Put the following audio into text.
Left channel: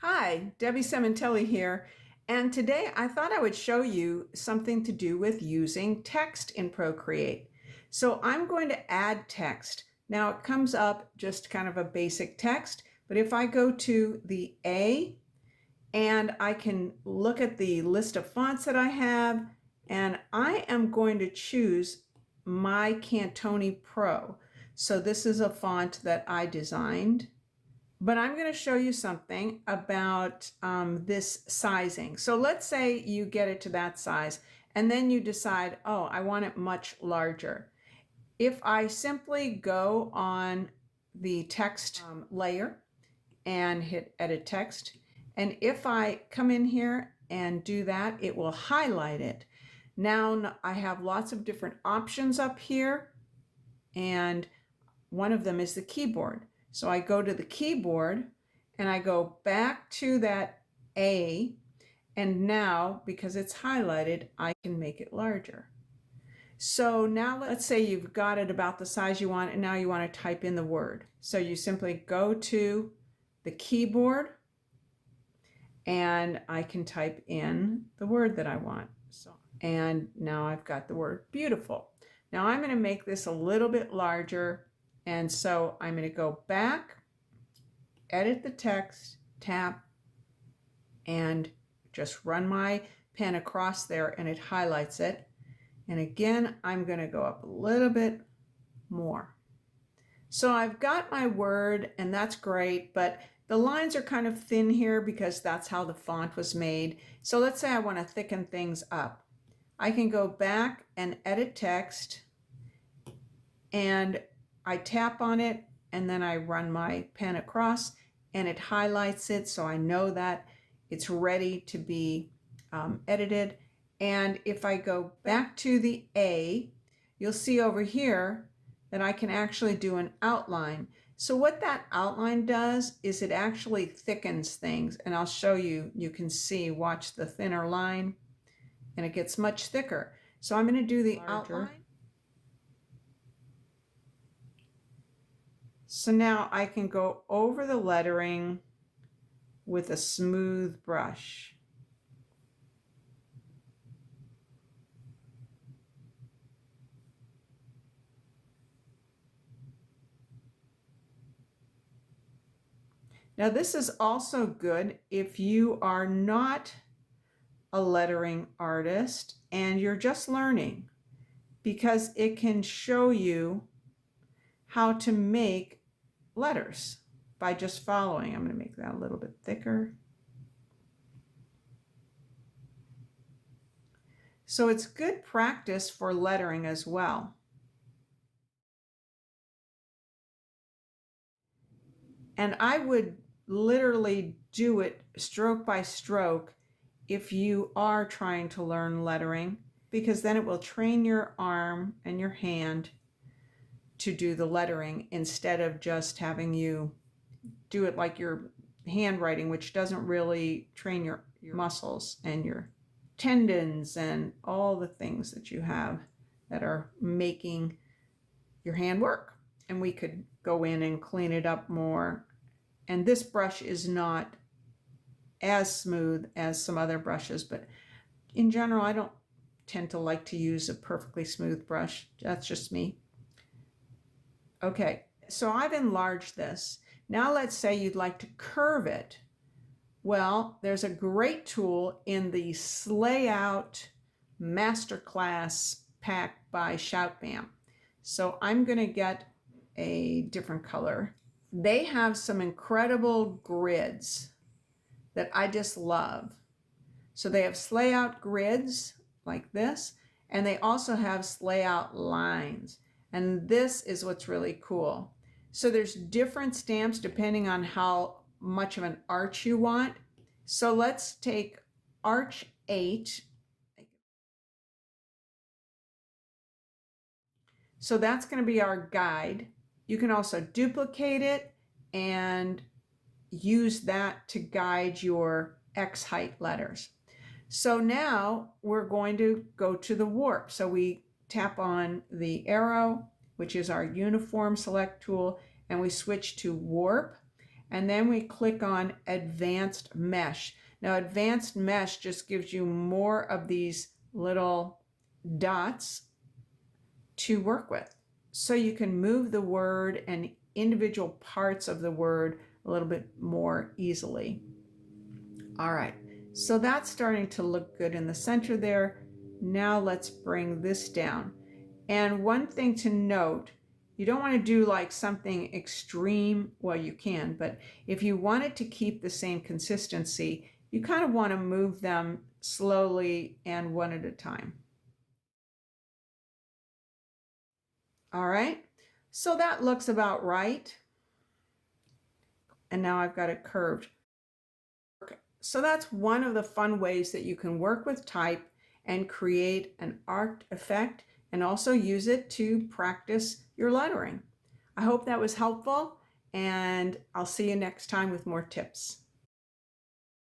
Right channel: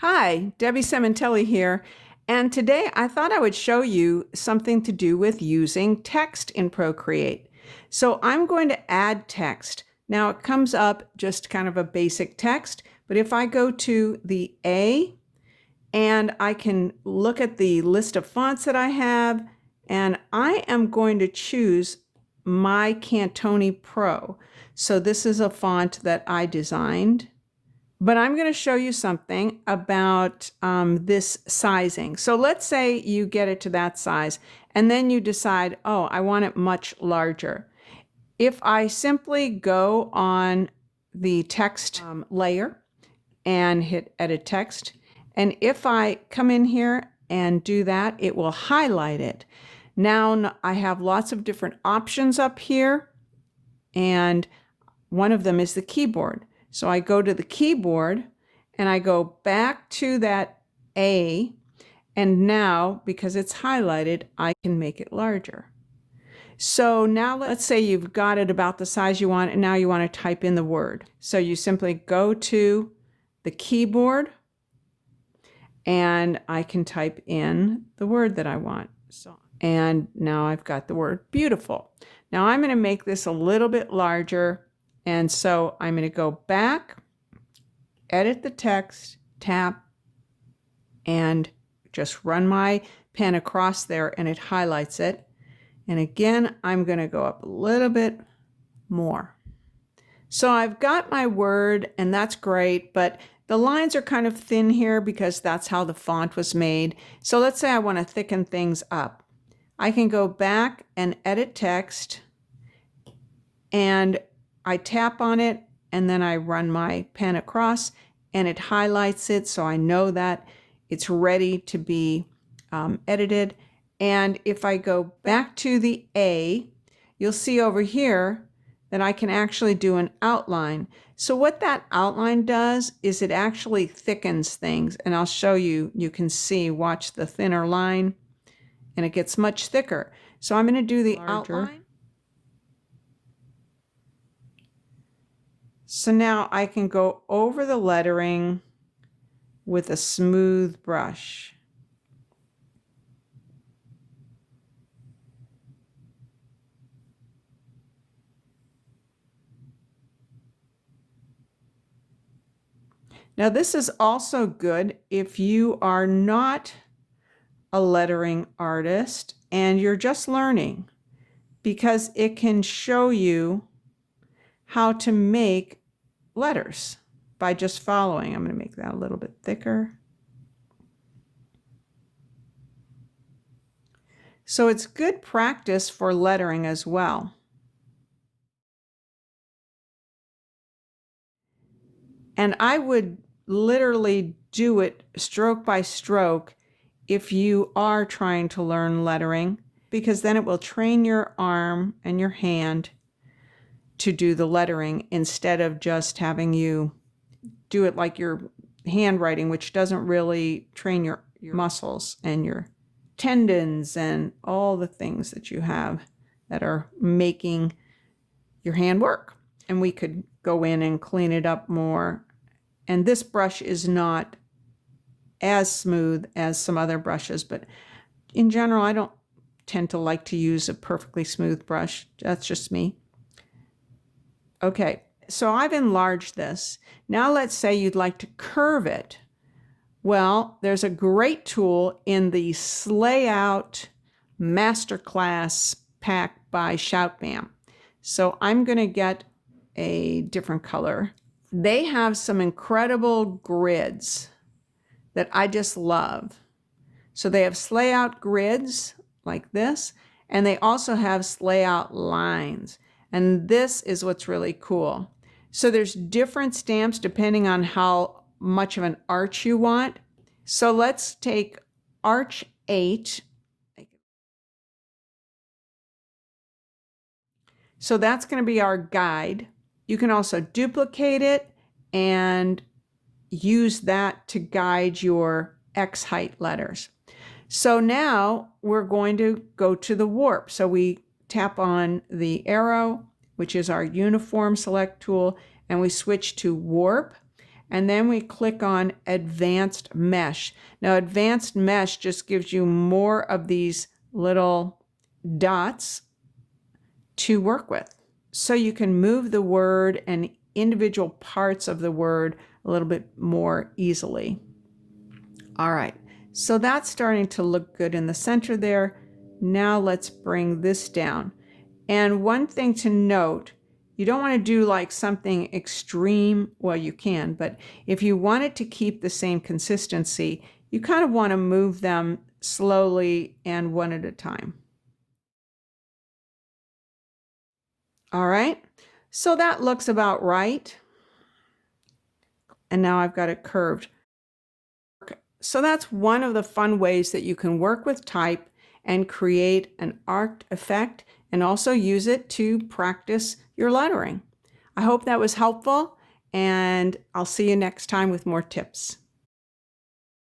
Hi, Debbie Sementelli here, and today I thought I would show you something to do with using text in Procreate. So I'm going to add text. Now it comes up just kind of a basic text, but if I go to the A and I can look at the list of fonts that I have, and I am going to choose my Cantoni Pro. So this is a font that I designed. But I'm going to show you something about this sizing. So let's say you get it to that size and then you decide, oh, I want it much larger. If I simply go on the text layer and hit edit text, and if I come in here and do that, it will highlight it. Now I have lots of different options up here, and one of them is the keyboard. So I go to the keyboard and I go back to that A, and now because it's highlighted, I can make it larger. So now let's say you've got it about the size you want, and now you want to type in the word. So you simply go to the keyboard and I can type in the word that I want. And now I've got the word beautiful. Now I'm going to make this a little bit larger. And so I'm going to go back, edit the text, tap, and just run my pen across there and it highlights it. And again, I'm going to go up a little bit more. So I've got my word, and that's great, but the lines are kind of thin here because that's how the font was made. So let's say I want to thicken things up. I can go back and edit text, and I tap on it, and then I run my pen across and it highlights it, so I know that it's ready to be edited. And if I go back to the A, you'll see over here that I can actually do an outline. So what that outline does is it actually thickens things, and I'll show you. You can see, watch the thinner line, and it gets much thicker. So I'm going to do the outline. So now I can go over the lettering with a smooth brush. Now this is also good if you are not a lettering artist and you're just learning, because it can show you how to make letters by just following. I'm going to make that a little bit thicker. So it's good practice for lettering as well. And I would literally do it stroke by stroke if you are trying to learn lettering, because then it will train your arm and your hand to do the lettering instead of just having you do it like your handwriting, which doesn't really train your muscles and your tendons and all the things that you have that are making your hand work. And we could go in and clean it up more. And this brush is not as smooth as some other brushes, but in general, I don't tend to like to use a perfectly smooth brush. That's just me. Okay, so I've enlarged this. Now let's say you'd like to curve it. Well, there's a great tool in the Slayout Masterclass pack by Shoutbam. So I'm going to get a different color. They have some incredible grids that I just love. So they have Slayout grids like this, and they also have Slayout lines. And this is what's really cool. So there's different stamps depending on how much of an arch you want. So let's take Arch 8. So that's going to be our guide. You can also duplicate it and use that to guide your X height letters. So now we're going to go to the warp. So we tap on the arrow, which is our uniform select tool, and we switch to warp. and then we click on Advanced Mesh. Now, Advanced Mesh just gives you more of these little dots to work with. So you can move the word and individual parts of the word a little bit more easily. All right, so that's starting to look good in the center there. Now let's bring this down. And one thing to note, you don't want to do like something extreme. Well, you can, but if you wanted to keep the same consistency, you kind of want to move them slowly and one at a time. All right, so that looks about right. And now I've got it curved. So that's one of the fun ways that you can work with type and create an arced effect and also use it to practice your lettering. I hope that was helpful, and I'll see you next time with more tips.